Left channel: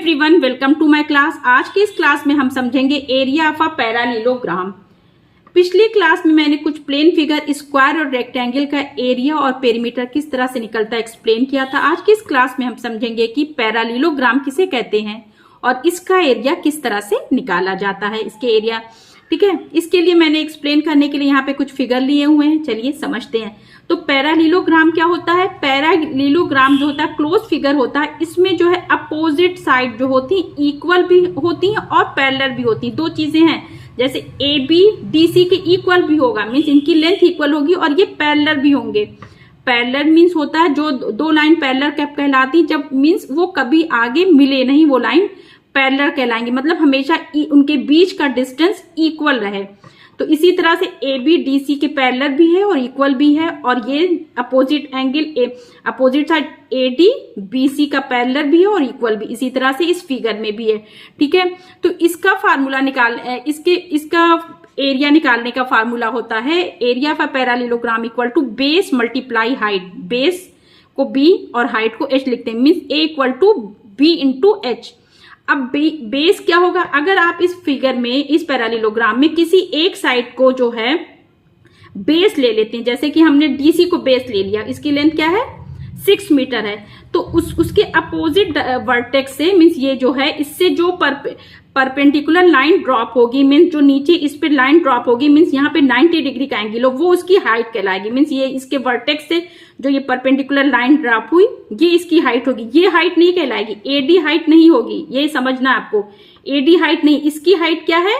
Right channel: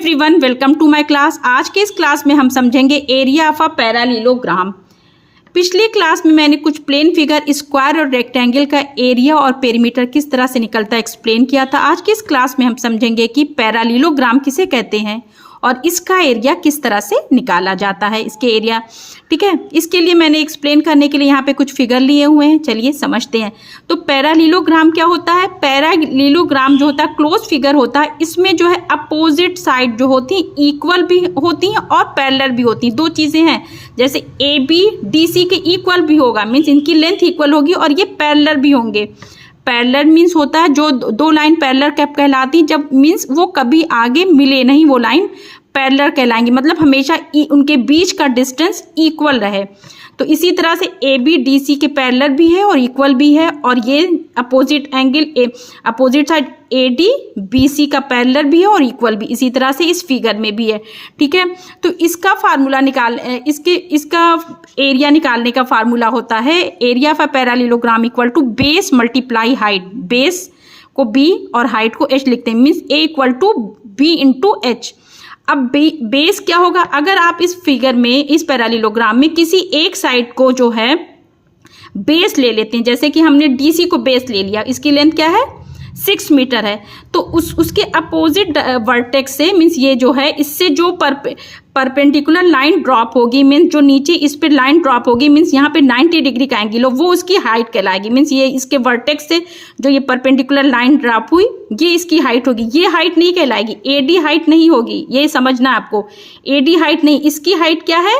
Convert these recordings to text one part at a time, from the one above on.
Everyone, welcome to my class. आज के इस क्लास में हम समझेंगे एरिया ऑफ अ पैरालेलोग्राम। पिछली क्लास में मैंने कुछ प्लेन फिगर, स्क्वायर और रेक्टेंगल का एरिया और पेरीमीटर किस तरह से निकलता है एक्सप्लेन किया था। आज की इस क्लास में हम समझेंगे कि पैरालेलोग्राम किसे कहते हैं और इसका एरिया किस तरह से निकाला जाता है, इसके एरिया। ठीक है, इसके लिए मैंने एक्सप्लेन करने के लिए यहाँ पे कुछ फिगर लिए हुए हैं, चलिए समझते हैं। तो पैरालेलोग्राम क्या होता है? पैरालेलोग्राम जो होता है क्लोज फिगर होता है। इसमें जो है अपोजिट साइड जो होती है इक्वल भी होती हैं और पैरेलल भी होती हैं। दो चीजें हैं, जैसे ए बी डी सी के इक्वल भी होगा, मीन्स इनकी लेंथ इक्वल होगी, और ये पैरेलल भी होंगे। पैरेलल मीन्स होता है जो दो लाइन पैरेलल कैप कहलाती, जब मीन्स वो कभी आगे मिले नहीं, वो लाइन पैरेलल कहलाएंगी, मतलब हमेशा उनके बीच का डिस्टेंस इक्वल रहे। तो इसी तरह से ए बी डी सी के पैरेलल भी है और इक्वल भी है, और ये opposite angle opposite side A D B C का पैरेलल भी है और इक्वल भी, इसी तरह से इस फिगर में भी है। ठीक है, तो इसका फार्मूला इसका एरिया निकालने का फार्मूला होता है area of a parallelogram equal to base multiply height. Base को बी और हाइट को एच लिखते हैं, means A equal to B into H. अब बेस क्या होगा? अगर आप इस फिगर में, इस पैरालेलोग्राम में किसी एक साइड को जो है बेस ले लेते हैं, जैसे कि हमने डीसी को बेस ले लिया, इसकी लेंथ क्या है 6 मीटर है, तो उसके अपोजिट वर्टेक्स से, मीन्स ये जो है इससे जो परपेंडिकुलर लाइन ड्रॉप होगी, मीन्स जो नीचे इस पे लाइन ड्रॉप होगी, मीन्स यहाँ पे 90 डिग्री का एंगल हो, वो उसकी हाइट कहलाएगी। मीन्स ये इसके वर्टेक्स से जो ये परपेंडिकुलर लाइन ड्रॉप हुई, ये इसकी हाइट होगी। ये हाइट नहीं कहलाएगी, एडी हाइट नहीं होगी, ये समझना आपको। एडी हाइट नहीं, इसकी हाइट क्या है?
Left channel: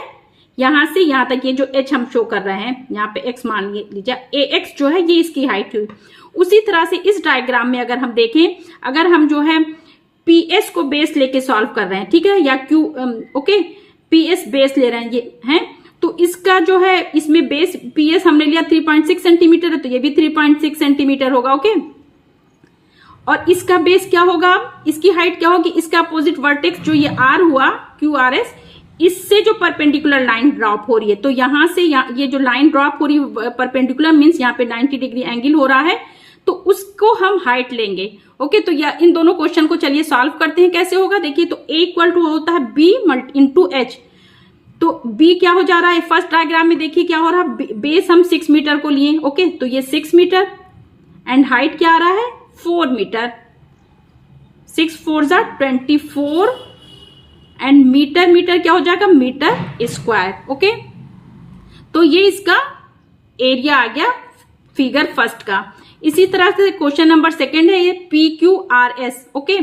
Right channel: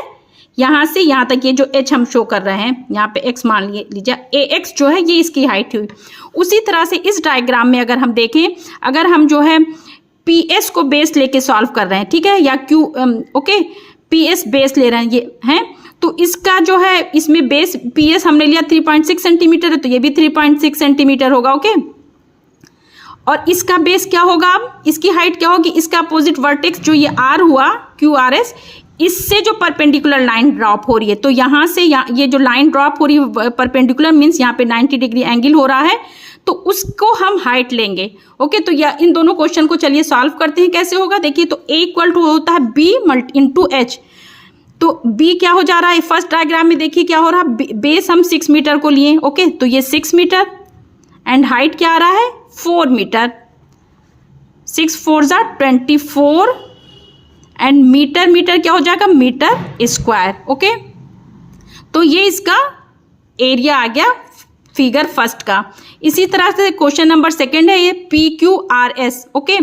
यहाँ से यहाँ तक ये जो एच हम शो कर रहे हैं, यहाँ पे एक्स मान लीजिए, ए एक्स जो है ये इसकी हाइट हुई। उसी तरह से इस डायग्राम में अगर हम देखें, अगर हम जो है पी एस को बेस लेके सॉल्व कर रहे हैं, ठीक है, या Q okay P S base ले रहे हैं ये हैं, तो इसका जो है इसमें बेस पी एस हमने लिया 3.6 सेंटीमीटर है, तो ये भी 3.6 सेंटीमीटर होगा। ओके, और इसका बेस क्या होगा? इसकी हाइट क्या होगी? इसका अपोजिट वर्टेक्स जो ये आर हुआ, क्यू आर एस, इससे जो परपेंडिकुलर लाइन ड्रॉप हो रही है, तो यहां से ये जो लाइन ड्रॉप हो रही है परपेंडिकुलर, मीन्स यहाँ पे 90 डिग्री एंगल हो रहा है, तो उसको हम हाइट लेंगे। ओके, तो इन दोनों क्वेश्चन को चलिए सॉल्व करते हैं। कैसे होगा देखिए, तो ए इक्वल टू होता है बी इंटू एच। तो बी क्या हो जा रहा है? फर्स्ट डायग्राम में देखिए क्या हो रहा है, बेस हम 6 मीटर को लिए। ओके, तो ये 6 मीटर एंड हाइट क्या आ रहा है 4 मीटर। 6 4 जा 24 एंड मीटर क्या हो जाएगा? Metre square. ओके, तो ये इसका एरिया आ गया फिगर फर्स्ट का। इसी तरह से क्वेश्चन नंबर सेकंड है ये P Q R S. Okay,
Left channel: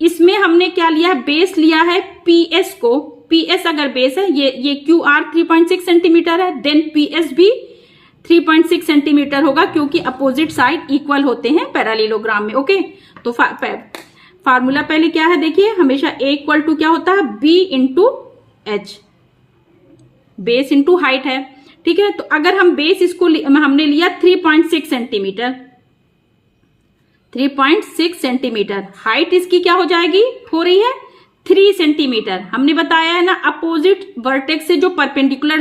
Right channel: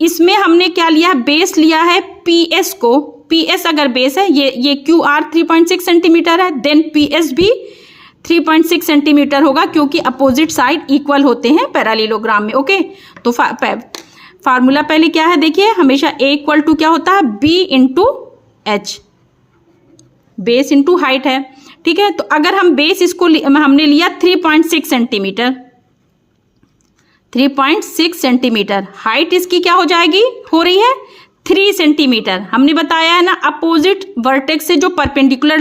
इसमें हमने क्या लिया है? बेस लिया है पी एस को। पी एस अगर बेस है, ये क्यू आर 3.6 सेंटीमीटर है, देन पी एस भी 3.6 सेंटीमीटर होगा, क्योंकि अपोजिट साइड इक्वल होते हैं पैरालेलोग्राम में। ओके, तो फार्मूला पहले क्या है देखिए, हमेशा ए इक्वल टू क्या होता है? B into H, base into height है। ठीक है, तो अगर हम बेस इसको हमने लिया 3.6 सेंटीमीटर, 3.6 सेंटीमीटर, हाइट इसकी क्या हो जाएगी? हो रही है 3 सेंटीमीटर। हमने बताया है ना, अपोजिट वर्टेक्स से जो परपेंडिकुलर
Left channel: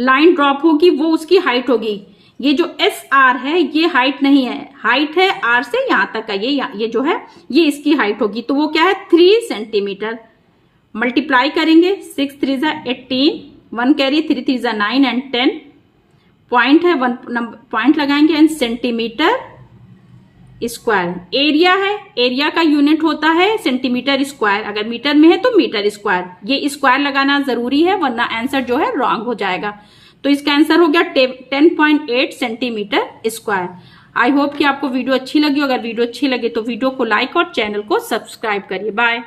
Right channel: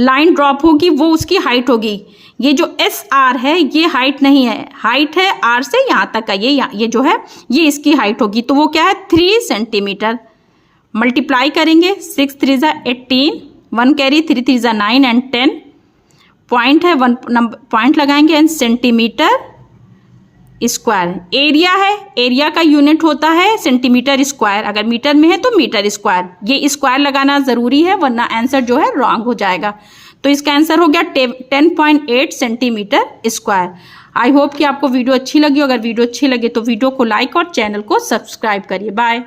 लाइन ड्रॉप होगी वो उसकी हाइट होगी। ये जो एस आर है ये हाइट नहीं है, हाइट है आर से यहाँ तक का, ये जो है ये इसकी हाइट होगी, तो वो क्या है 3 सेंटीमीटर। मल्टीप्लाई करेंगे, 6 3 जा 18, 1 कैरी, 3 3 जा 9 एंड 10 पॉइंट है, 1 पॉइंट लगाएंगे एंड सेंटीमीटर स्क्वायर। एरिया है, एरिया का यूनिट होता है सेंटीमीटर स्क्वायर, अगर मीटर में है तो मीटर स्क्वायर। ये स्क्वायर लगाना जरूरी है, वरना आंसर जो है रॉन्ग हो जाएगा। तो इसका आंसर हो गया 10.8 सेंटीमीटर स्क्वायर। आई होप कि आपको वीडियो अच्छी लगी। अगर वीडियो अच्छी लगे तो वीडियो को लाइक और चैनल को सब्सक्राइब करिए। बाय।